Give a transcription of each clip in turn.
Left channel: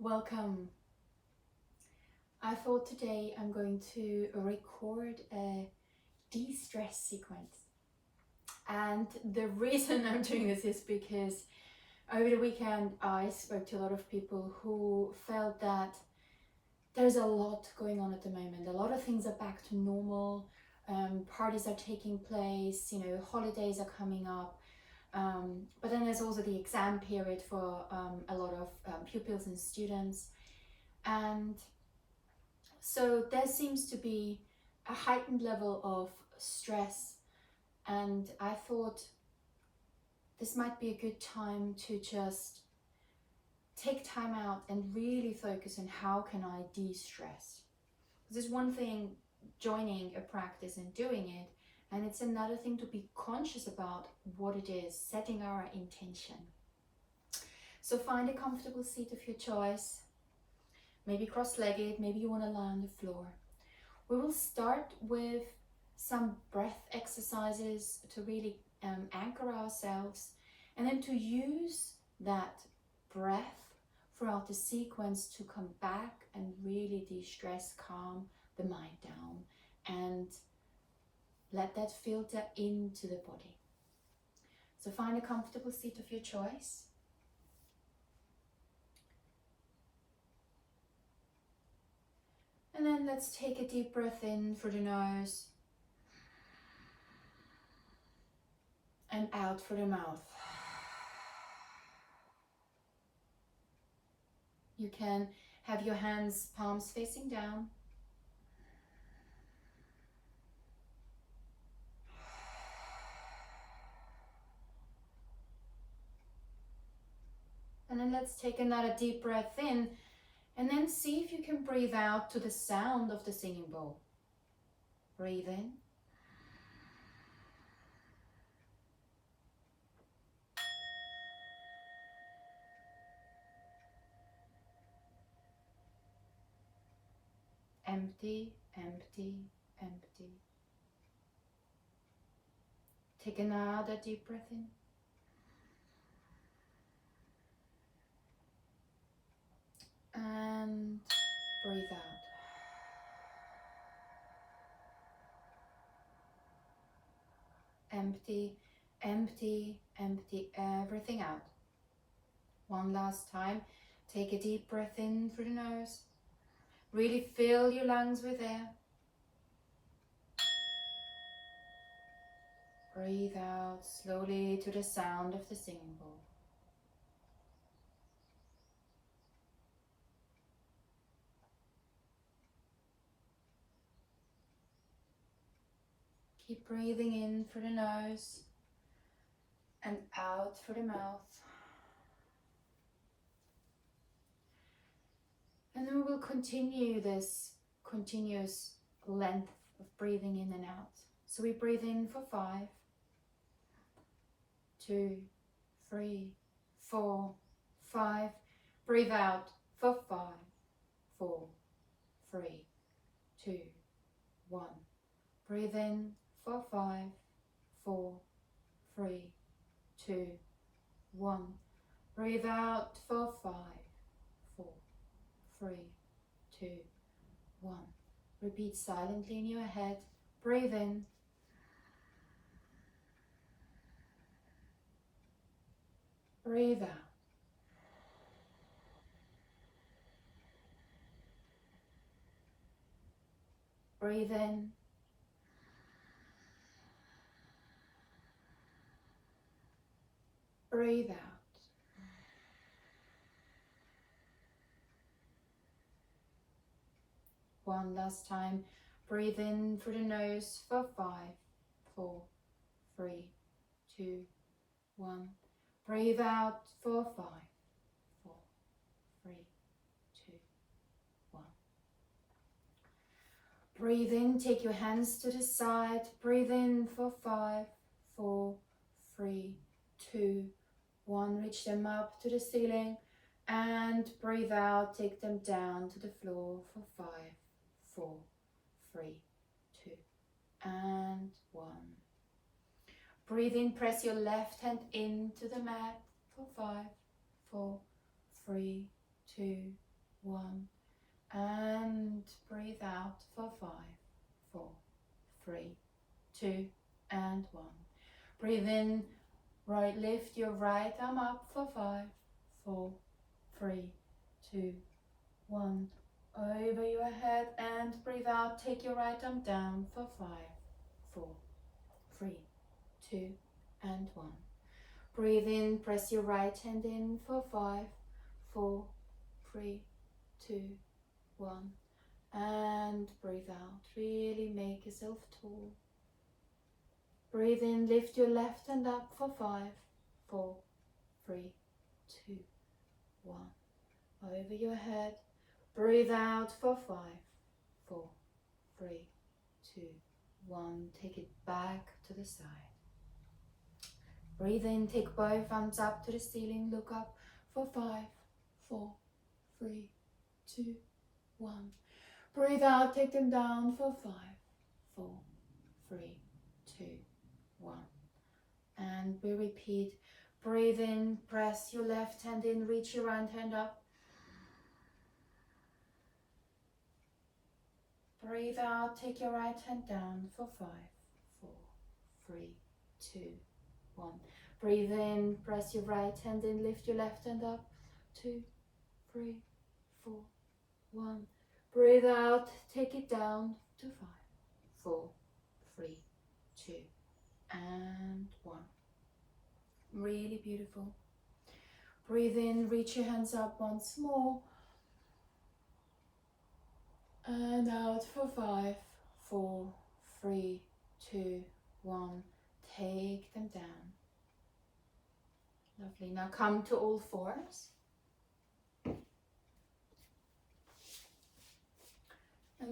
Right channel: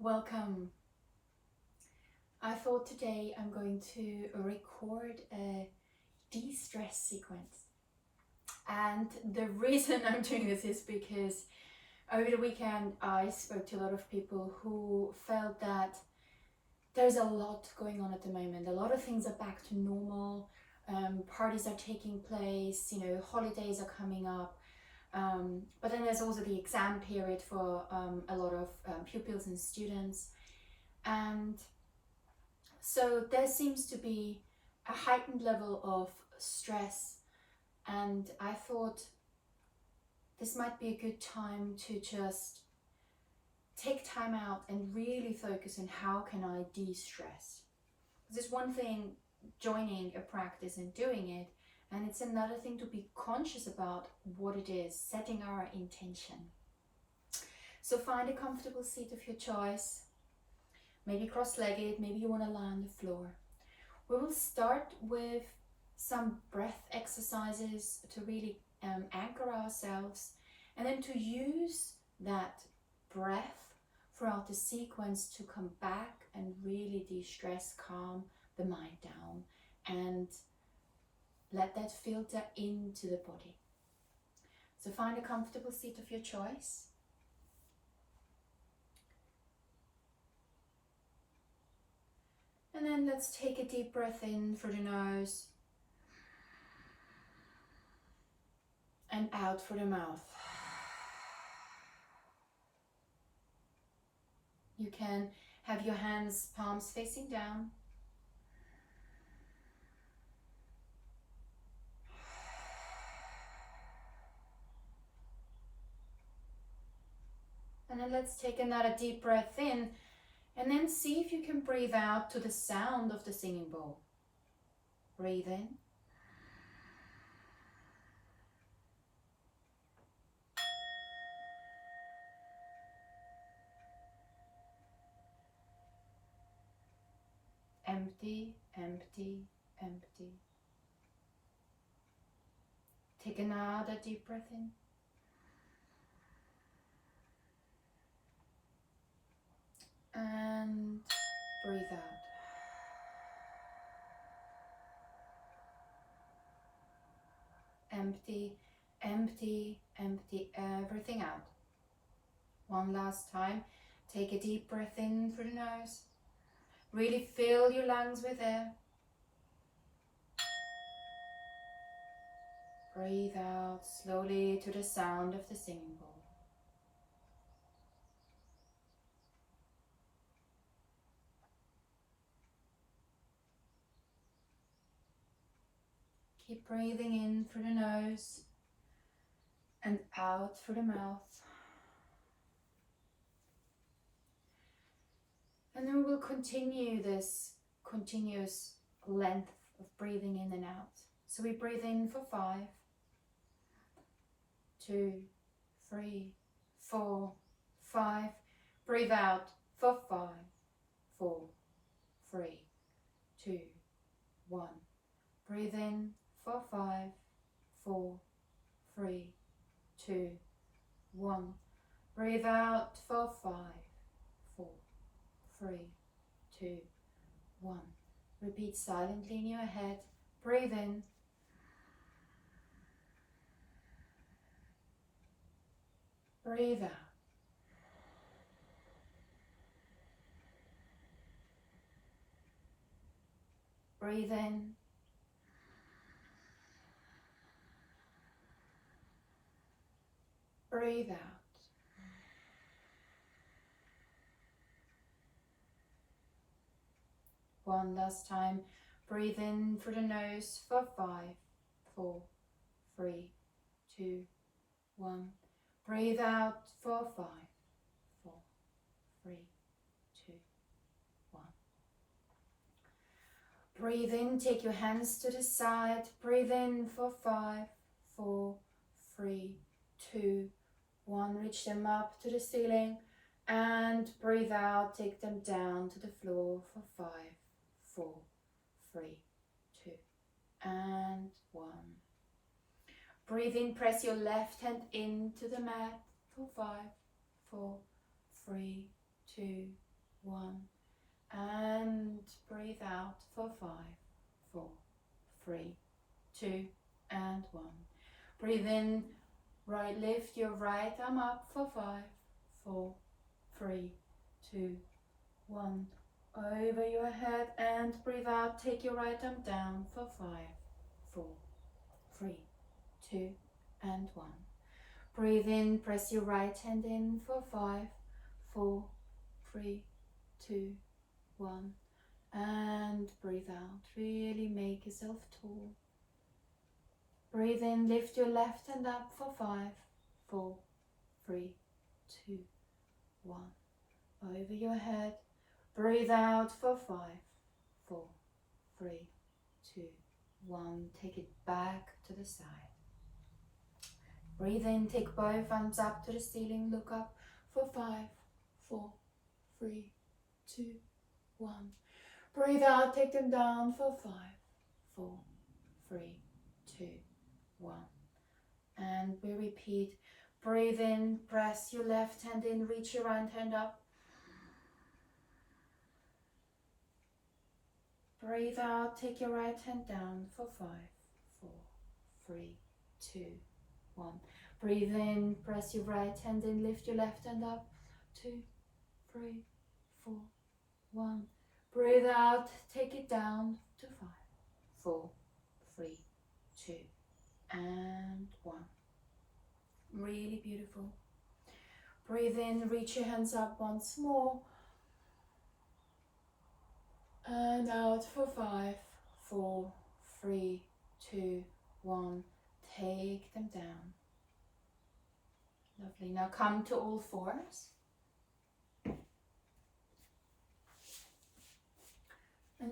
Welcome. I thought today I'm going to record a de-stress sequence. And the reason I'm doing this is because over the weekend I spoke to a lot of people who felt that there's a lot going on at the moment. A lot of things are back to normal. Parties are taking place, holidays are coming up. But then there's also the exam period for a lot of pupils and students. And so there seems to be a heightened level of stress, and I thought this might be a good time to just take time out and really focus on how can I de-stress. There's one thing joining a practice and doing it, and it's another thing to be conscious about what it is, setting our intention. So find a comfortable seat of your choice, maybe cross-legged, maybe you want to lie on the floor. We will start with some breath exercises to really anchor ourselves, and then to use that breath throughout the sequence to come back and really de-stress, calm the mind down, and let that filter into the body. So find a comfortable seat of your choice. And then let's take a deep breath in through the nose and out through the mouth. You can have your hands, palms facing down. And then let's take another deep breath in, and then see if you can breathe out to the sound of the singing bowl. Breathe in. Empty, empty, empty. Take another deep breath in. And breathe out. Empty, empty, empty everything out. One last time. Take a deep breath in through the nose. Really fill your lungs with air. Breathe out slowly to the sound of the singing bowl. Keep breathing in through the nose and out through the mouth. And then we will continue this continuous length of breathing in and out. So we breathe in for 5, 2, 3, 4, 5. Breathe out for 5, 4, 3, 2, 1. Breathe in for 5, 4, 3, 2, 1. Breathe out for 5, 4, 3, 2, 1. Repeat silently in your head. Breathe in. Breathe out. Breathe in. Breathe out. One last time. Breathe in through the nose for 5, 4, 3, 2, 1. Breathe out for 5, 4, 3, 2, 1. Breathe in, take your hands to the side. Breathe in for 5, 4, 3, 2, 1. Reach them up to the ceiling. And breathe out, take them down to the floor for 5, 4, 3, 2, and 1. Breathe in, press your left hand into the mat for 5, 4, 3, 2, 1. And breathe out for 5, 4, 3, 2, and 1. Breathe in, right, lift your right arm up for 5, 4, 3, 2, 1. Over your head and breathe out, take your right arm down for 5, 4, 3, 2, and 1. Breathe in, press your right hand in for 5, 4, 3, 2, 1. And breathe out, really make yourself tall. Breathe in, lift your left hand up for 5, 4, 3, 2, 1. Over your head. Breathe out for 5, 4, 3, 2, 1. Take it back to the side. Breathe in, take both arms up to the ceiling, look up for 5, 4, 3, 2, 1. Breathe out, take them down for 5, 4, 3, 2, 1. And we repeat. Breathe in, press your left hand in, reach your right hand up. Breathe out, take your right hand down for 5, 4, 3, 2, 1. Breathe in, press your right hand in, lift your left hand up. 2, 3, 4, 1. Breathe out, take it down to 5, 4, 3, 2, and 1. Really beautiful. Breathe in, reach your hands up once more. And out for 5, 4, 3, 2, 1. Take them down. Lovely. Now come to all fours. And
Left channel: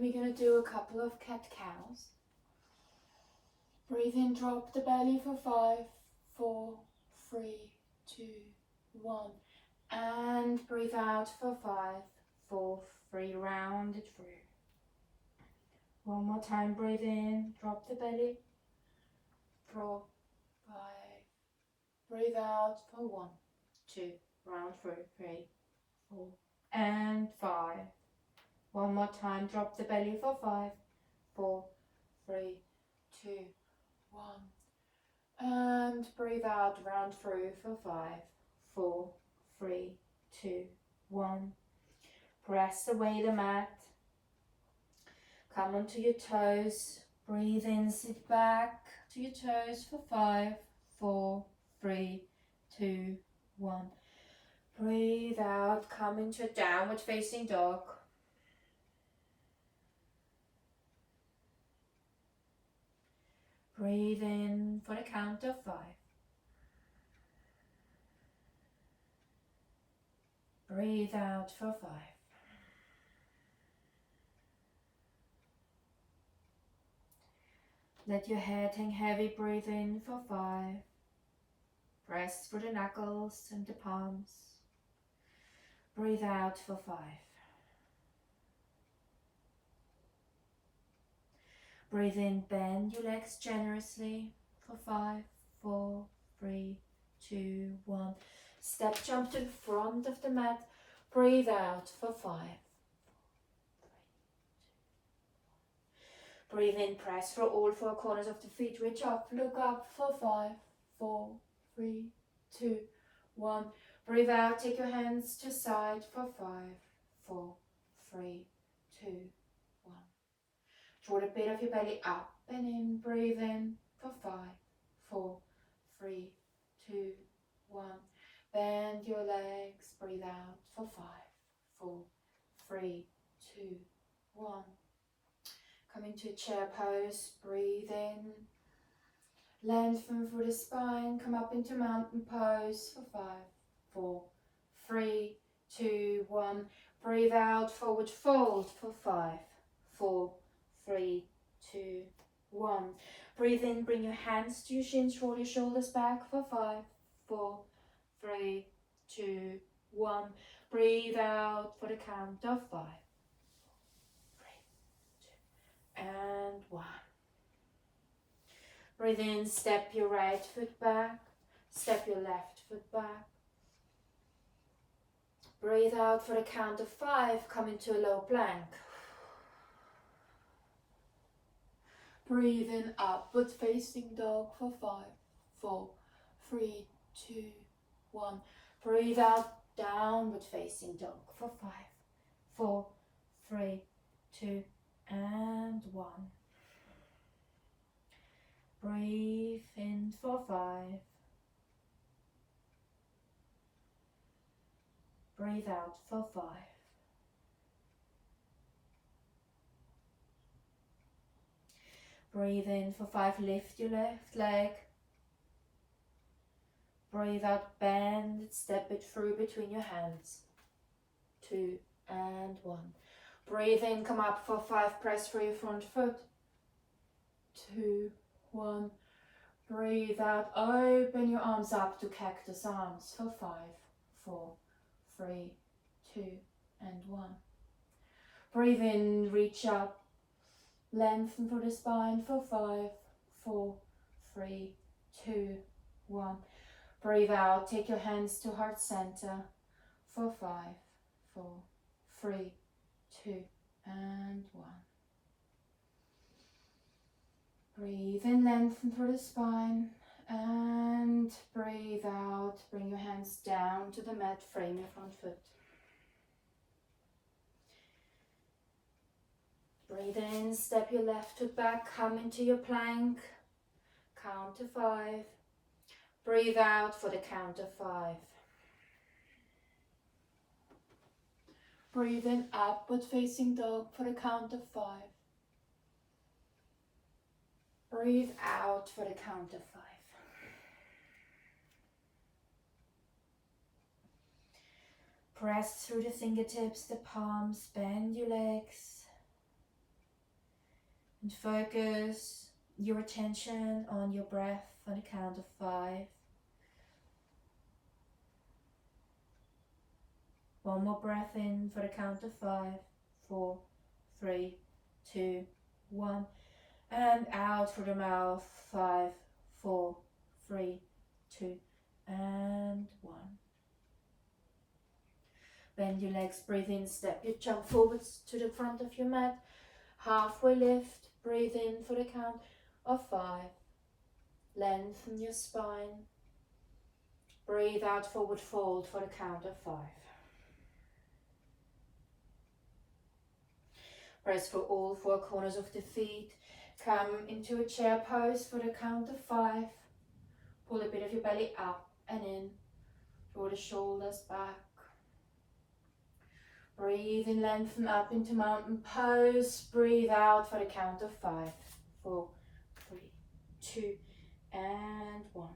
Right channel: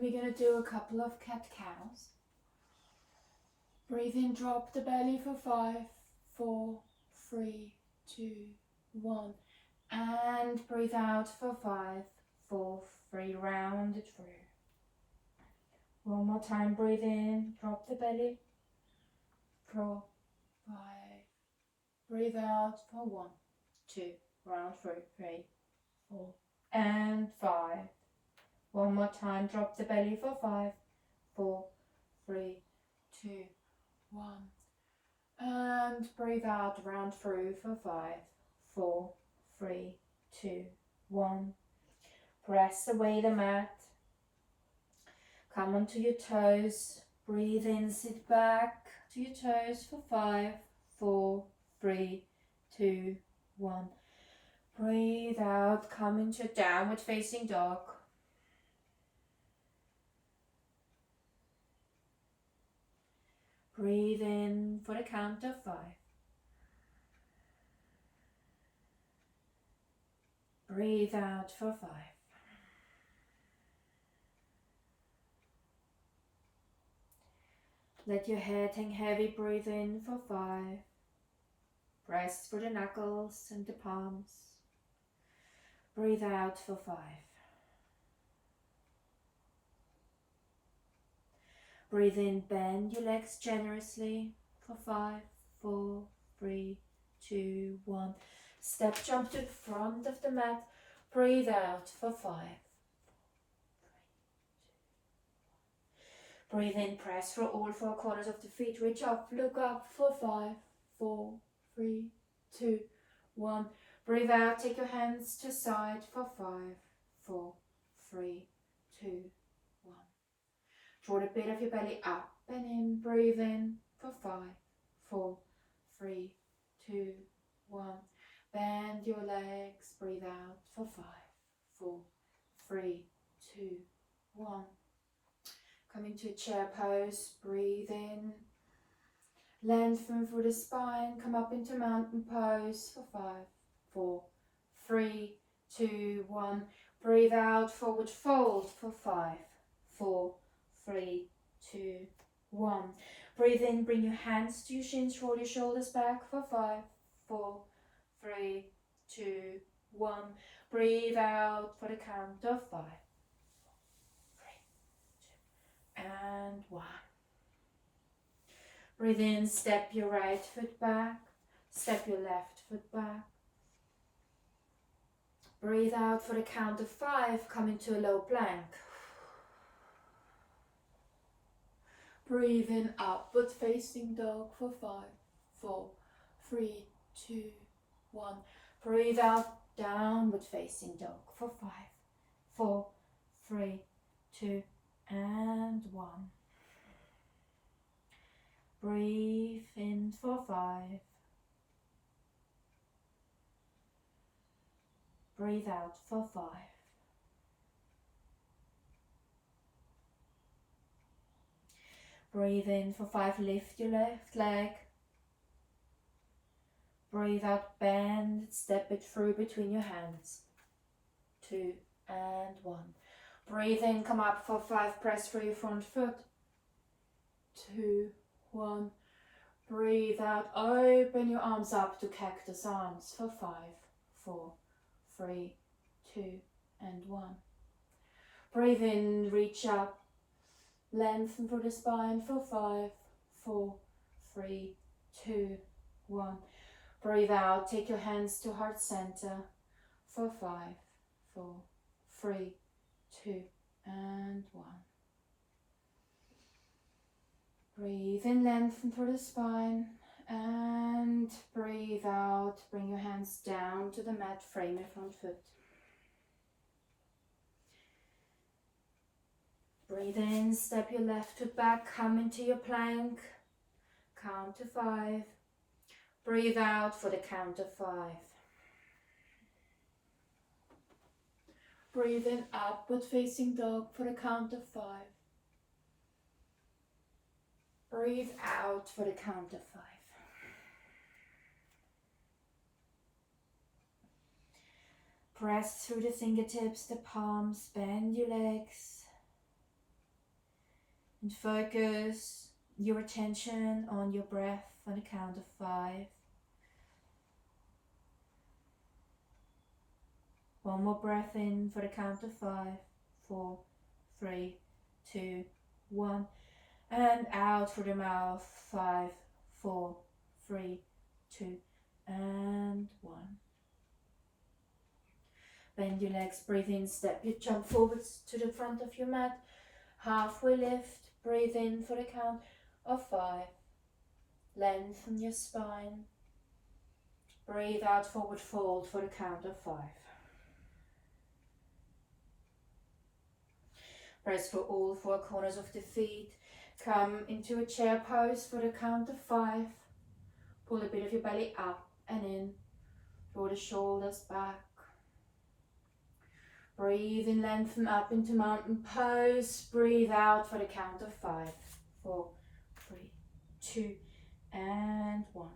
we're going to do a couple of cat-cows. Breathe in, drop the belly for 5, 4, 3, 2, 1. And breathe out for 5, 4, 3. Round it through. One more time, breathe in, drop the belly. 4, 5. Breathe out for 1, 2. Round through. 3, 4, and 5. One more time, drop the belly for 5, 4, 3, 2, 1. And breathe out, round through for 5, 4, 3, 2, 1. Press away the mat. Come onto your toes. Breathe in, sit back to your toes for 5, 4, 3, 2, 1. Breathe out, come into downward facing dog. Breathe in for the count of 5. Breathe out for 5. Let your head hang heavy, breathe in for 5. Press for the knuckles and the palms. Breathe out for 5. Breathe in, bend your legs generously for 5, 4, 3, 2, 1. Step jump to the front of the mat. Breathe out for 5. Breathe in, press for all 4 corners of the feet. Reach up, look up for 5, 4, 3, 2, 1. Breathe out, take your hands to side for 5, 4, 3, 2, 1. Draw the bit of your belly up and in. Breathe in for 5, 4, 3, 2, 1. Bend your legs. Breathe out for 5, 4, 3, 2, 1. Come into chair pose. Breathe in. Lengthen through the spine. Come up into mountain pose for 5, 4, 3, 2, 1. Breathe out. Forward fold for 5, 4, 3, 2, 1. Breathe in, bring your hands to your shins, roll your shoulders back for 5, 4, 3, 2, 1. Breathe out for the count of 5, 4, 3, 2, and 1. Breathe in, step your right foot back, step your left foot back. Breathe out for the count of 5, come into a low plank. Breathe in, upward facing dog for 5, 4, 3, 2, 1. Breathe out, downward facing dog for 5, 4, 3, 2, and 1. Breathe in for 5. Breathe out for 5. Breathe in for 5, lift your left leg. Breathe out, bend it, step it through between your hands. 2 and 1. Breathe in, come up for 5, press through your front foot. 2, 1. Breathe out, open your arms up to cactus arms for 5, 4, 3, 2, and 1. Breathe in, reach up, lengthen for the spine for 5, 4, 3, 2, 1. Breathe out, take your hands to heart center for 5, 4, 3, 2, and 1. Breathe in, lengthen for the spine, and breathe out, bring your hands down to the mat, frame your front foot. Breathe in, step your left foot back, come into your plank, count to 5. Breathe out for the count of 5. Breathe in, upward facing dog for the count of 5. Breathe out for the count of 5. Press through the fingertips, the palms, bend your legs, and focus your attention on your breath on the count of 5. One more breath in for the count of 5, 4, 3, 2, 1. And out through the mouth, 5, 4, 3, 2, and 1. Bend your legs, breathe in, step your jump forwards to the front of your mat. Halfway lift, breathe in for the count of 5. Lengthen your spine. Breathe out, forward fold for the count of 5. Press for all 4 corners of the feet. Come into a chair pose for the count of 5. Pull a bit of your belly up and in. Draw the shoulders back. Breathe in, lengthen up into mountain pose. Breathe out for the count of 5, 4, 3, 2, and 1.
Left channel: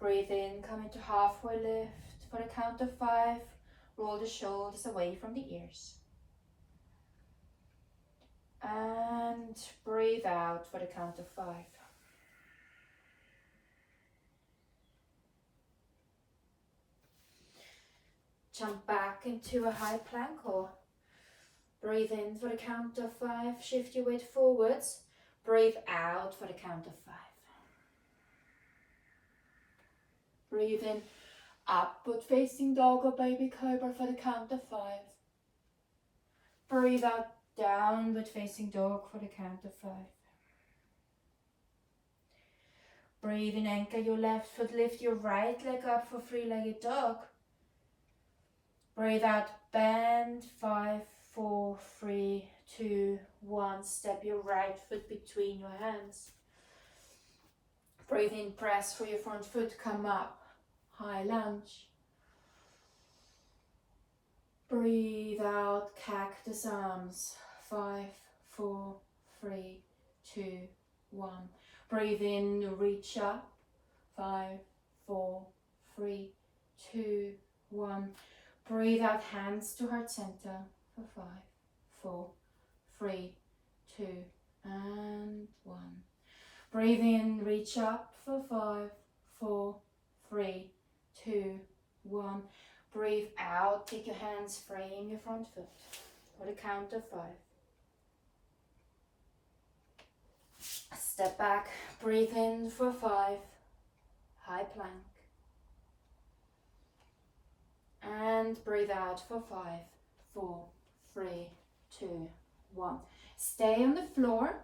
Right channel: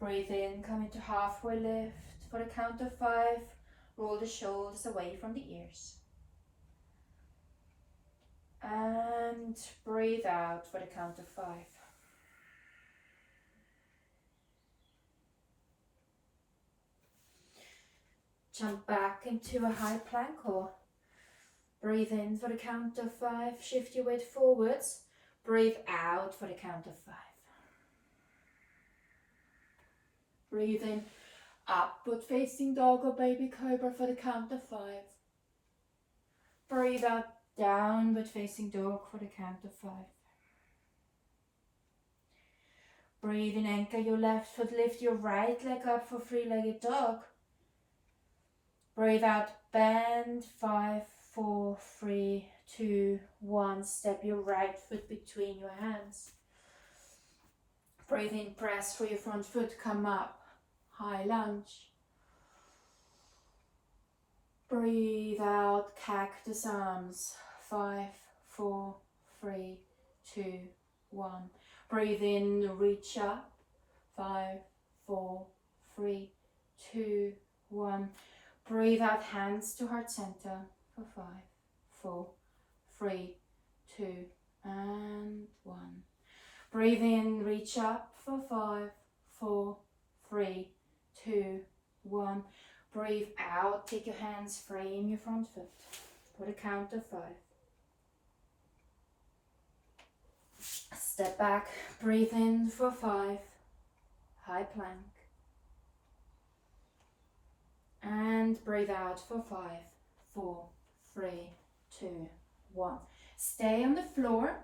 Breathe in, come into halfway lift for the count of 5. Roll the shoulders away from the ears. And breathe out for the count of 5. Jump back into a high plank or breathe in for the count of 5. Shift your weight forwards. Breathe out for the count of 5. Breathe in, upward facing dog or baby cobra for the count of 5. Breathe out, downward facing dog for the count of 5. Breathe in, anchor your left foot, lift your right leg up for 3-legged dog. Breathe out, bend, 5, 4, 3, 2, 1. Step your right foot between your hands. Breathe in, press for your front foot, come up, high lunge. Breathe out, cactus arms, 5, 4, 3, 2, 1. Breathe in, reach up, 5, 4, 3, 2, 1. Breathe out, hands to heart center for 5, 4, 3, 2, and 1. Breathe in, reach up for 5, 4, 3, 2, 1. Breathe out, take your hands, frame your front foot for the count of 5. Step back, breathe in for 5, high plank. And breathe out for 5, 4, 3, 2, 1. Stay on the floor.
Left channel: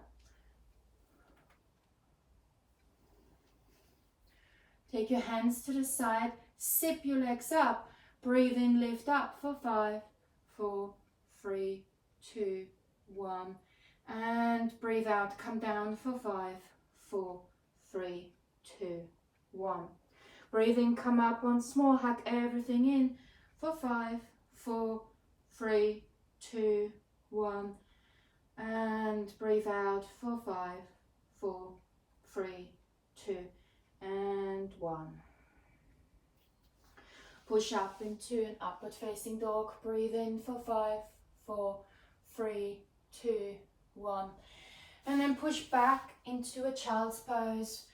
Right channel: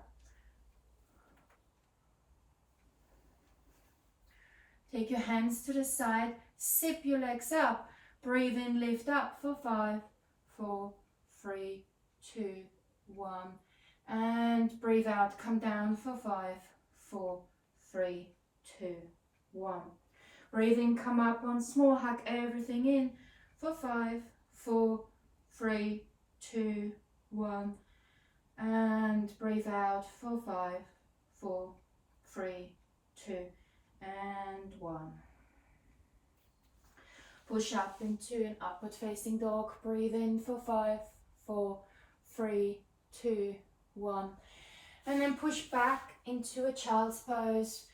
Take your hands to the side, zip your legs up. Breathe in, lift up for 5, 4, 3, 2, 1. And breathe out, come down for 5, 4, 3, 2, 1. Breathe in, come up on small, hack everything in for 5, 4, 3, 2, 1. And breathe out for 5, 4, 3, 2, and 1. Push up into an upward facing dog. Breathe in for 5, 4, 3, 2, 1. And then push back into a child's pose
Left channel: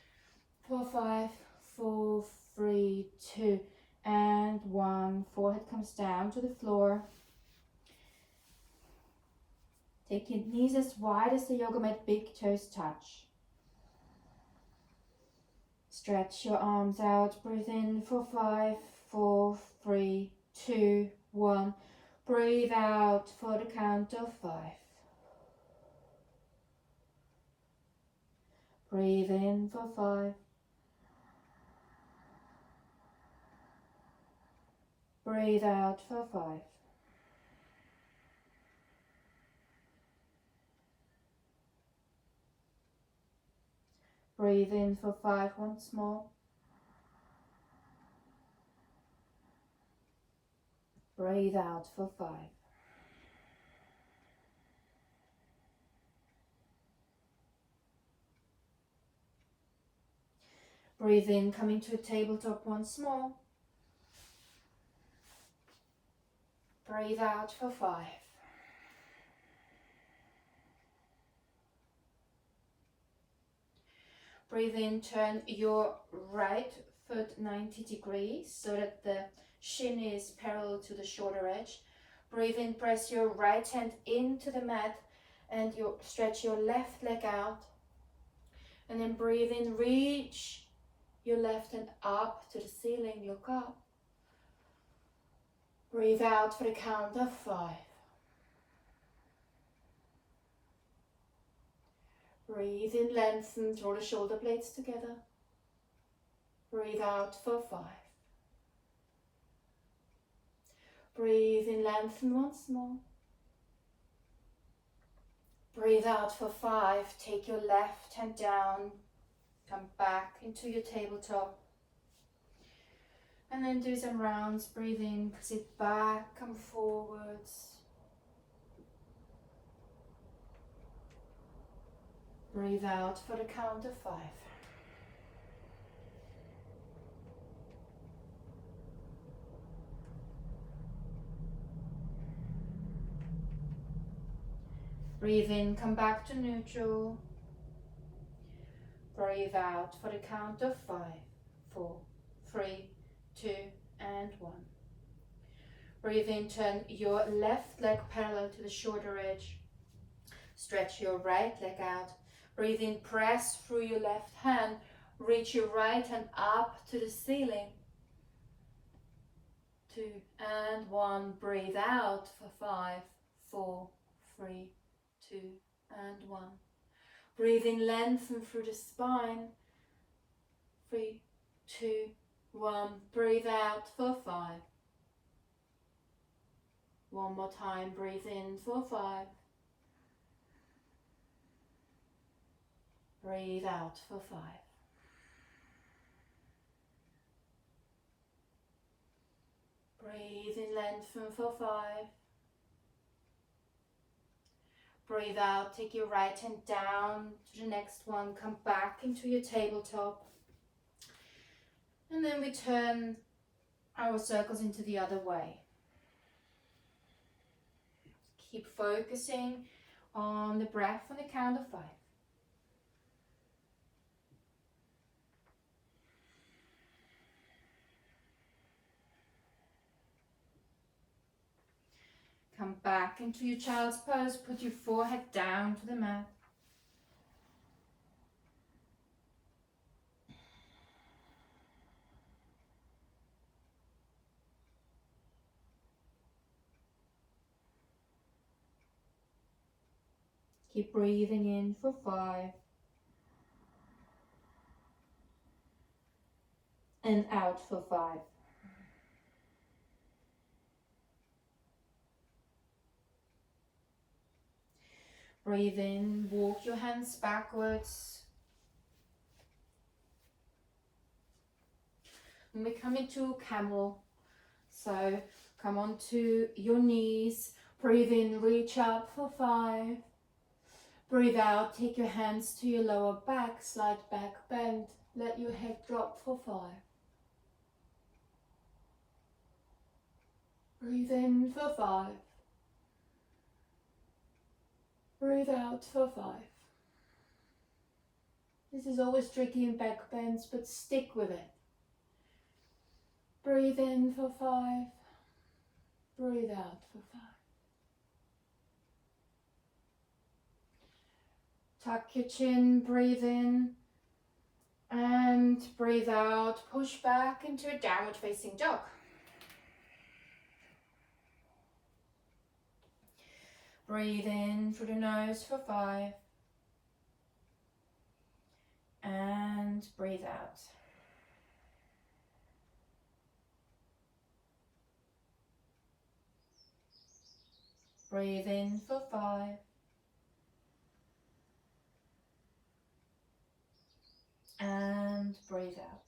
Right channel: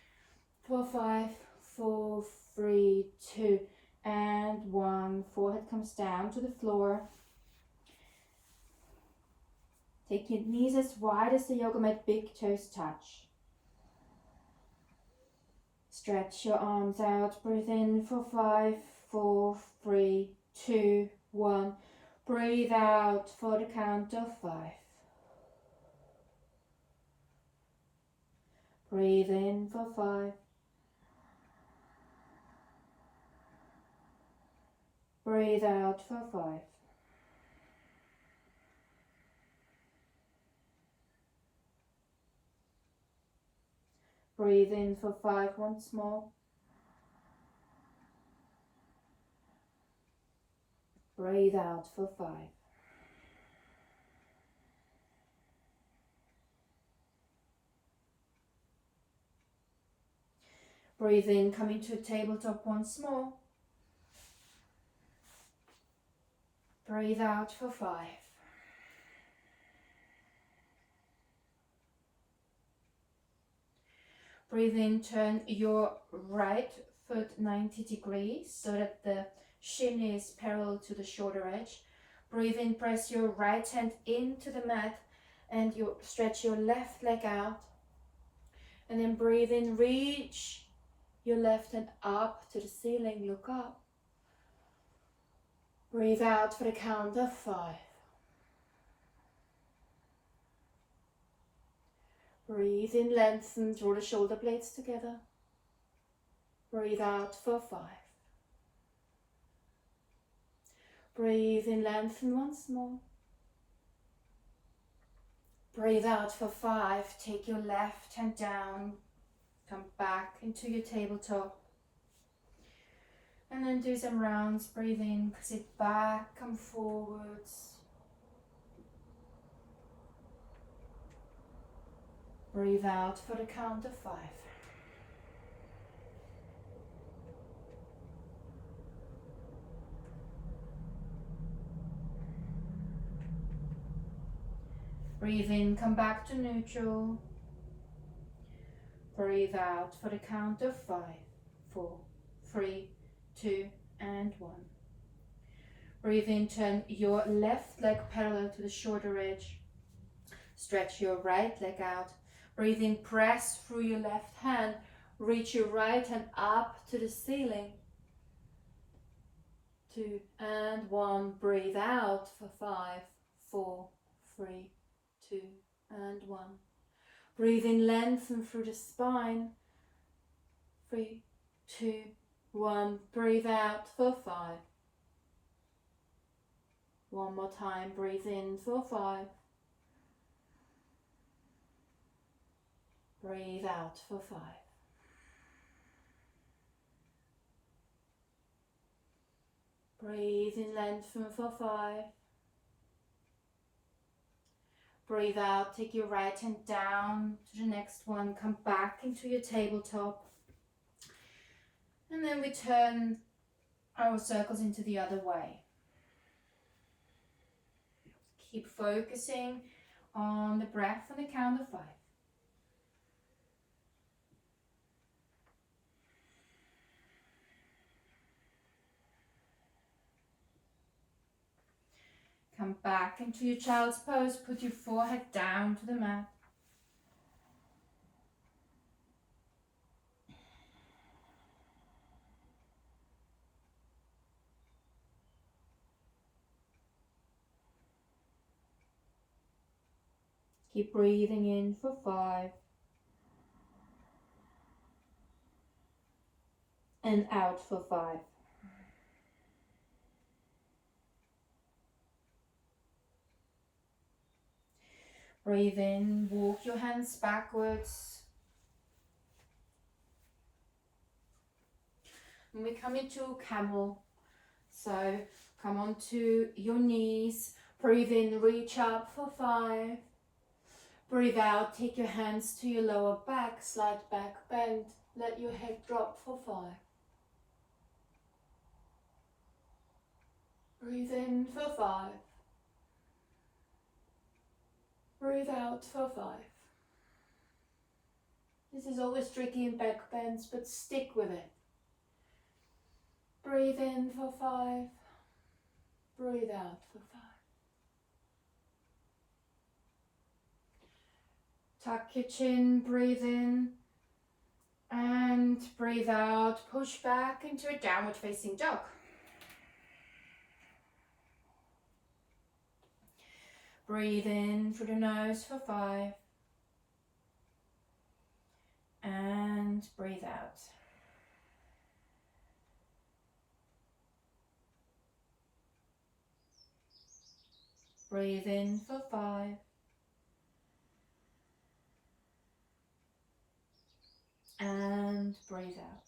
for 5, 4, 3, 2, and 1. Forehead comes down to the floor. Take your knees as wide as the yoga mat, big toes touch. Stretch your arms out. Breathe in for 5, 4, 3, 2, 1. Breathe out for the count of 5. Breathe in for 5. Breathe out for 5. Breathe in for 5 once more. Breathe out for 5. Breathe in, coming to a tabletop once more. Breathe out for 5. Breathe in, turn your right foot 90 degrees so that the shin is parallel to the shoulder edge. Breathe in, press your right hand into the mat and you stretch your left leg out. And then breathe in, reach your left hand up to the ceiling, look up. Breathe out for the count of 5. Breathe in, lengthen, draw the shoulder blades together. Breathe out for 5. Breathe in, lengthen once more. Breathe out for 5. Take your left hand down, come back into your tabletop. And then do some rounds. Breathe in, sit back, come forwards. Breathe out for the count of 5. Breathe in, come back to neutral. Breathe out for the count of 5, 4, 3, 2, and 1. Breathe in, turn your left leg parallel to the shoulder edge. Stretch your right leg out. Breathe in, press through your left hand. Reach your right hand up to the ceiling. 2 and 1. Breathe out for 5, 4, 3, 2, and 1. Breathe in, lengthen through the spine. 3, 2, 1. Breathe out for 5. One more time. Breathe in for 5. Breathe out for 5. Breathe in, lengthen for 5. Breathe out, take your right hand down to the next one, come back into your tabletop. And then we turn our circles into the other way. Keep focusing on the breath on the count of 5. Come back into your child's pose, put your forehead down to the mat. Keep breathing in for 5. And out for 5. Breathe in, walk your hands backwards. And we come into Camel. So come onto your knees. Breathe in, reach up for 5. Breathe out, take your hands to your lower back, slight back bend. Let your head drop for 5. Breathe in for 5. Breathe out for 5. This is always tricky in back bends, but stick with it. Breathe in for 5. Breathe out for 5. Tuck your chin, breathe in. And breathe out, push back into a downward facing dog. Breathe in through the nose for 5. And breathe out. Breathe in for 5. And breathe out.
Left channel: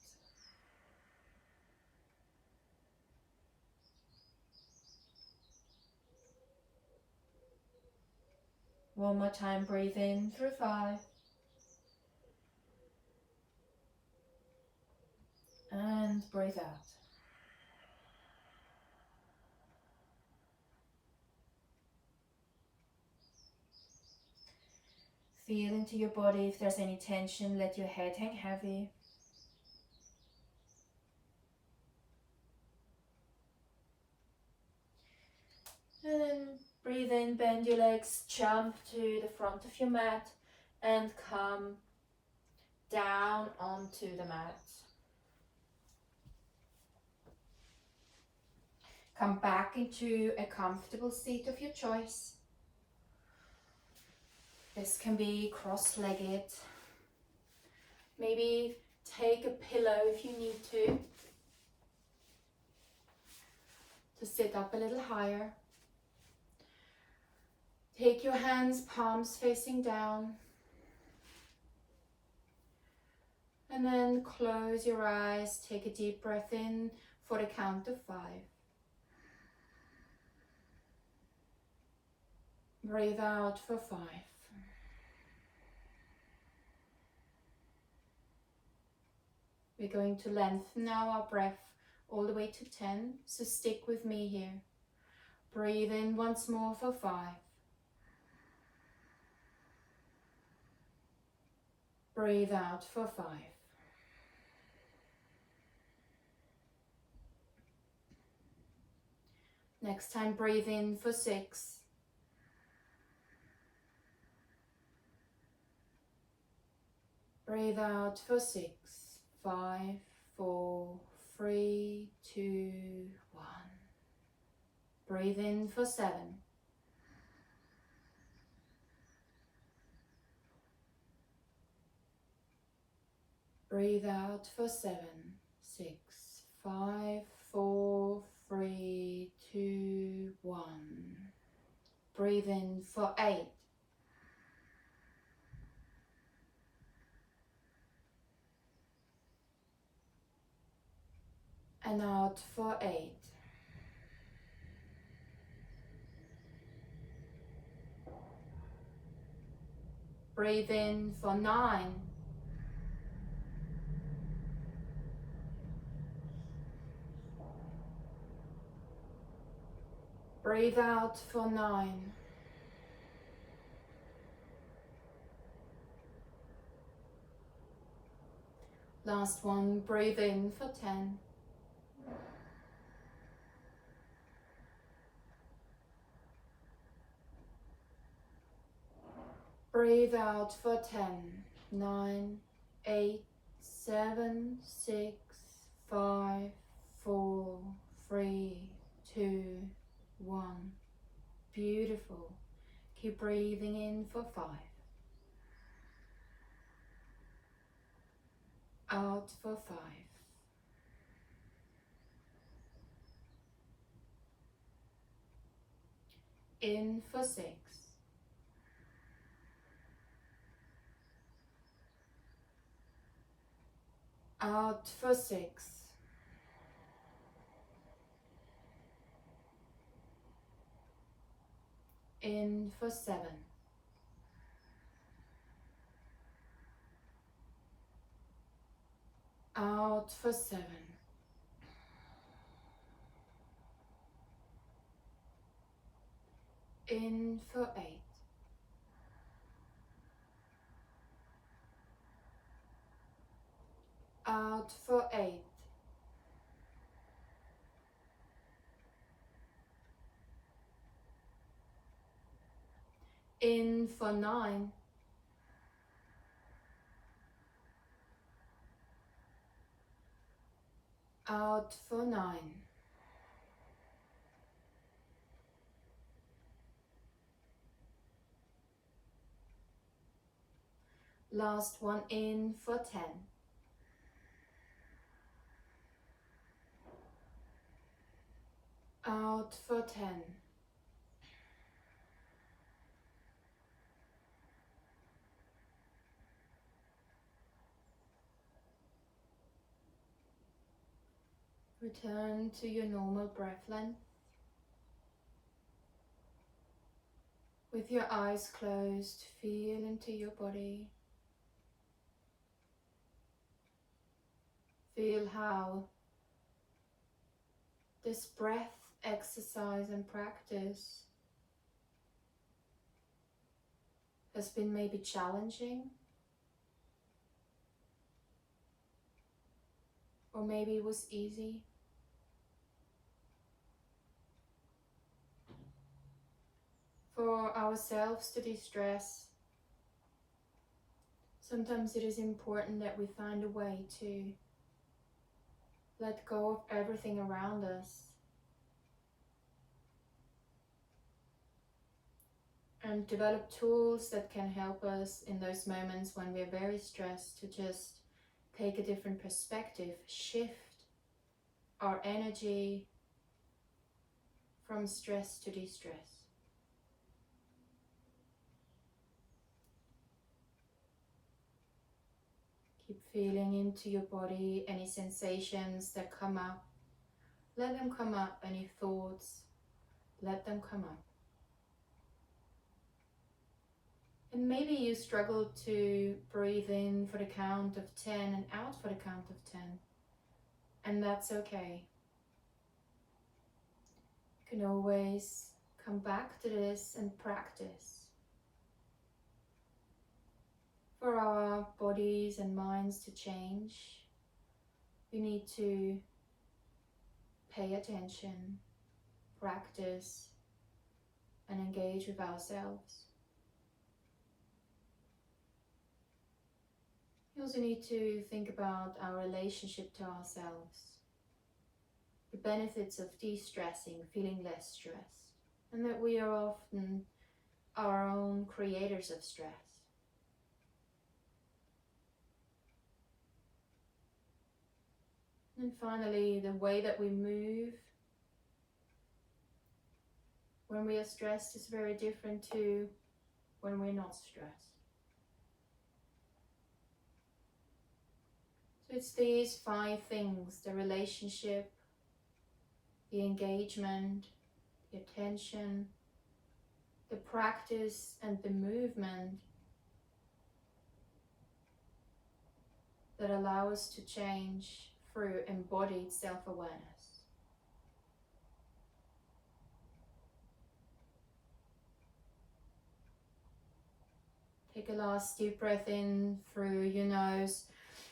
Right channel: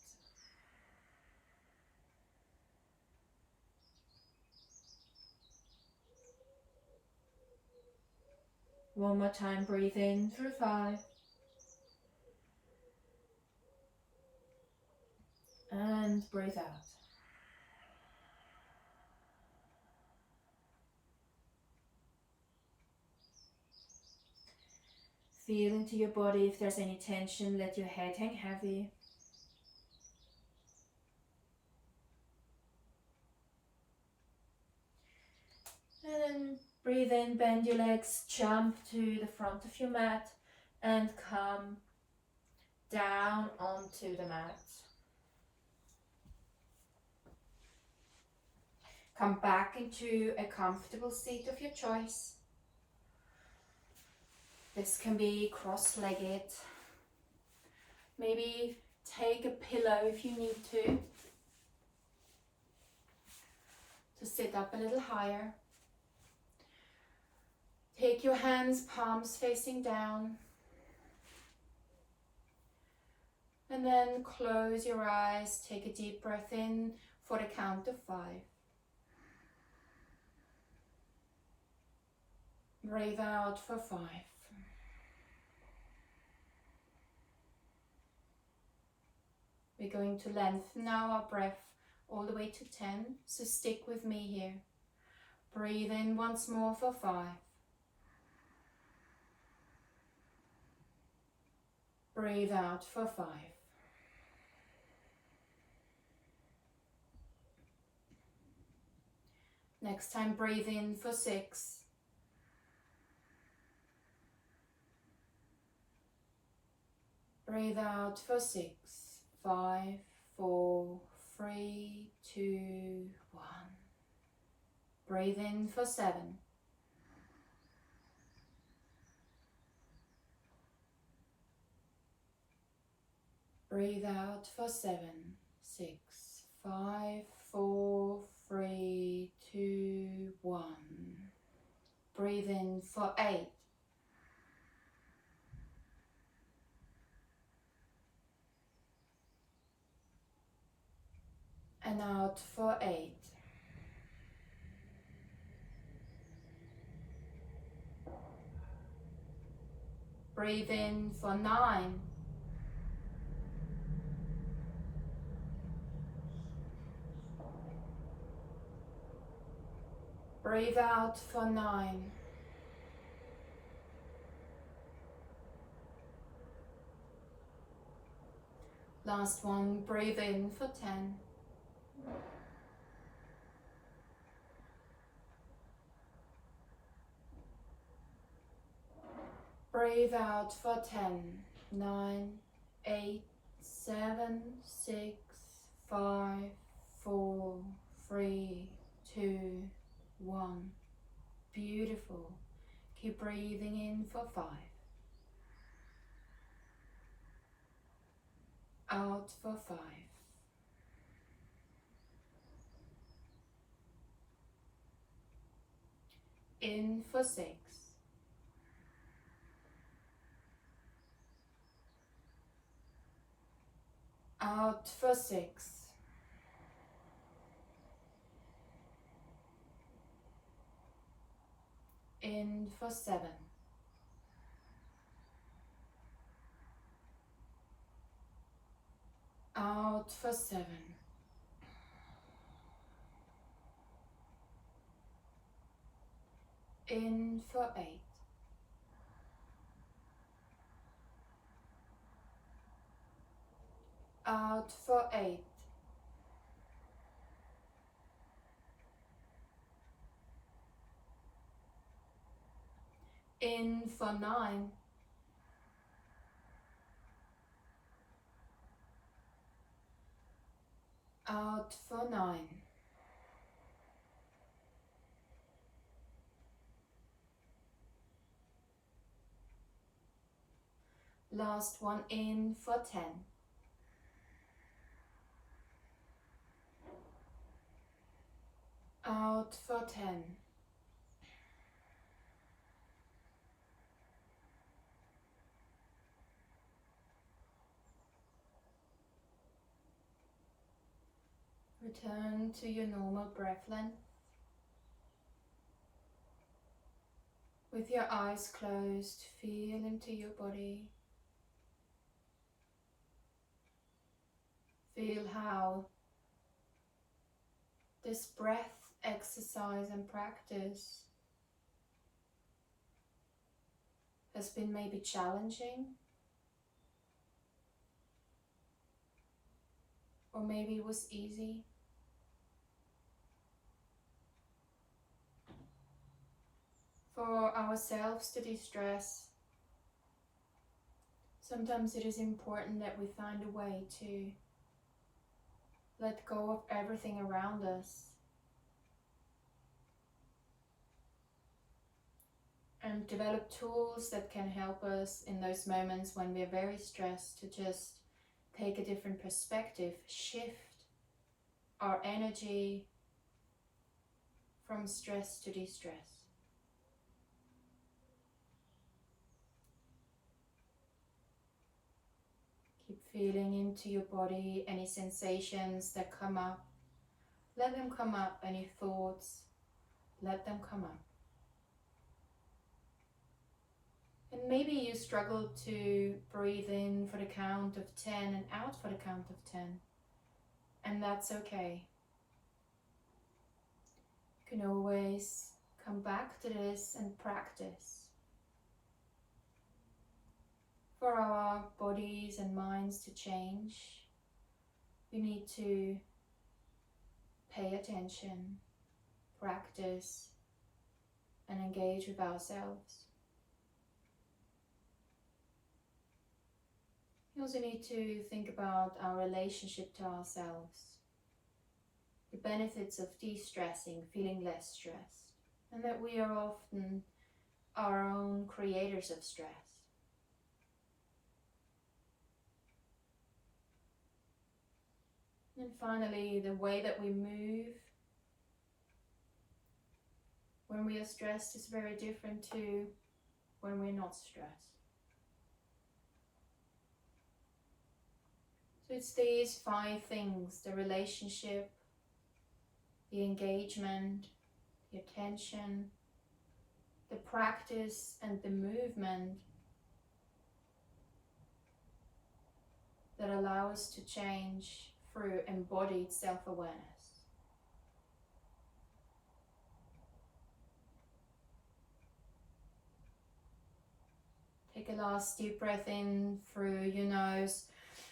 One more time, breathe in through 5. And breathe out. Feel into your body if there's any tension, let your head hang heavy. And then breathe in, bend your legs, jump to the front of your mat and come down onto the mat. Come back into a comfortable seat of your choice. This can be cross-legged. Maybe take a pillow if you need to sit up a little higher. Take your hands, palms facing down. And then close your eyes, take a deep breath in for the count of 5. Breathe out for 5. We're going to lengthen now our breath all the way to 10, so stick with me here. Breathe in once more for 5. Breathe out for 5. Next time, breathe in for 6. Breathe out for 6. 5, 4, 3, 2, 1. Breathe in for 7. Breathe out for 7, 6, 5, 4, 3, 2, 1. Breathe in for 8. And out for 8. Breathe in for 9. Breathe out for 9. Last one, breathe in for 10. Breathe out for 10. 9, 8, 7, 6, 5, 4, 3, 2, 1. Beautiful. Keep breathing in for 5. Out for 5. In for 6. Out for 6. In for 7. Out for 7. In for 8. Out for 8. In for 9. Out for 9. Last one in for 10. Out for 10. Return to your normal breath length. With your eyes closed, feel into your body. Feel how this breath exercise and practice has been maybe challenging, or maybe it was easy. For ourselves to de-stress, sometimes it is important that we find a way to let go of everything around us and develop tools that can help us in those moments when we're very stressed to just take a different perspective, shift our energy from stress to de-stress. Keep feeling into your body, any sensations that come up. Let them come up, any thoughts, let them come up. And maybe you struggle to breathe in for the count of 10 and out for the count of 10. And that's okay. You can always come back to this and practice. For our bodies and minds to change, we need to pay attention, practice, and engage with ourselves. We also need to think about our relationship to ourselves, the benefits of de-stressing, feeling less stressed, and that we are often our own creators of stress. And finally, the way that we move when we are stressed is very different to when we're not stressed. So it's these 5 things: the relationship, the engagement, the attention, the practice, and the movement that allow us to change through embodied self-awareness. Take a last deep breath in through your nose.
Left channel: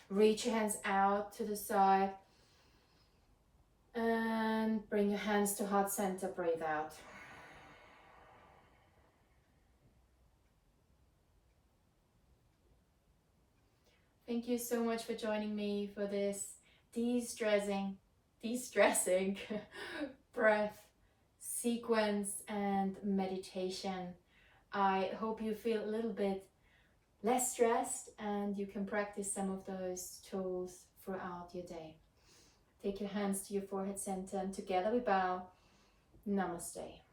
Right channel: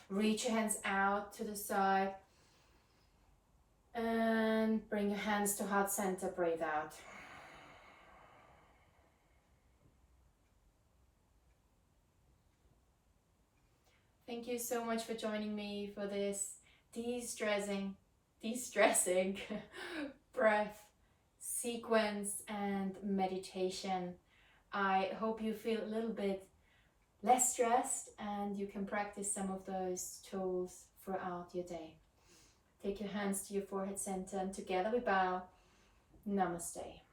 Reach your hands out to the side and bring your hands to heart center. Breathe out. Thank you so much for joining me for this de-stressing breath sequence and meditation. I hope you feel a little bit less stressed and you can practice some of those tools throughout your day. Take your hands to your forehead center and together we bow. Namaste.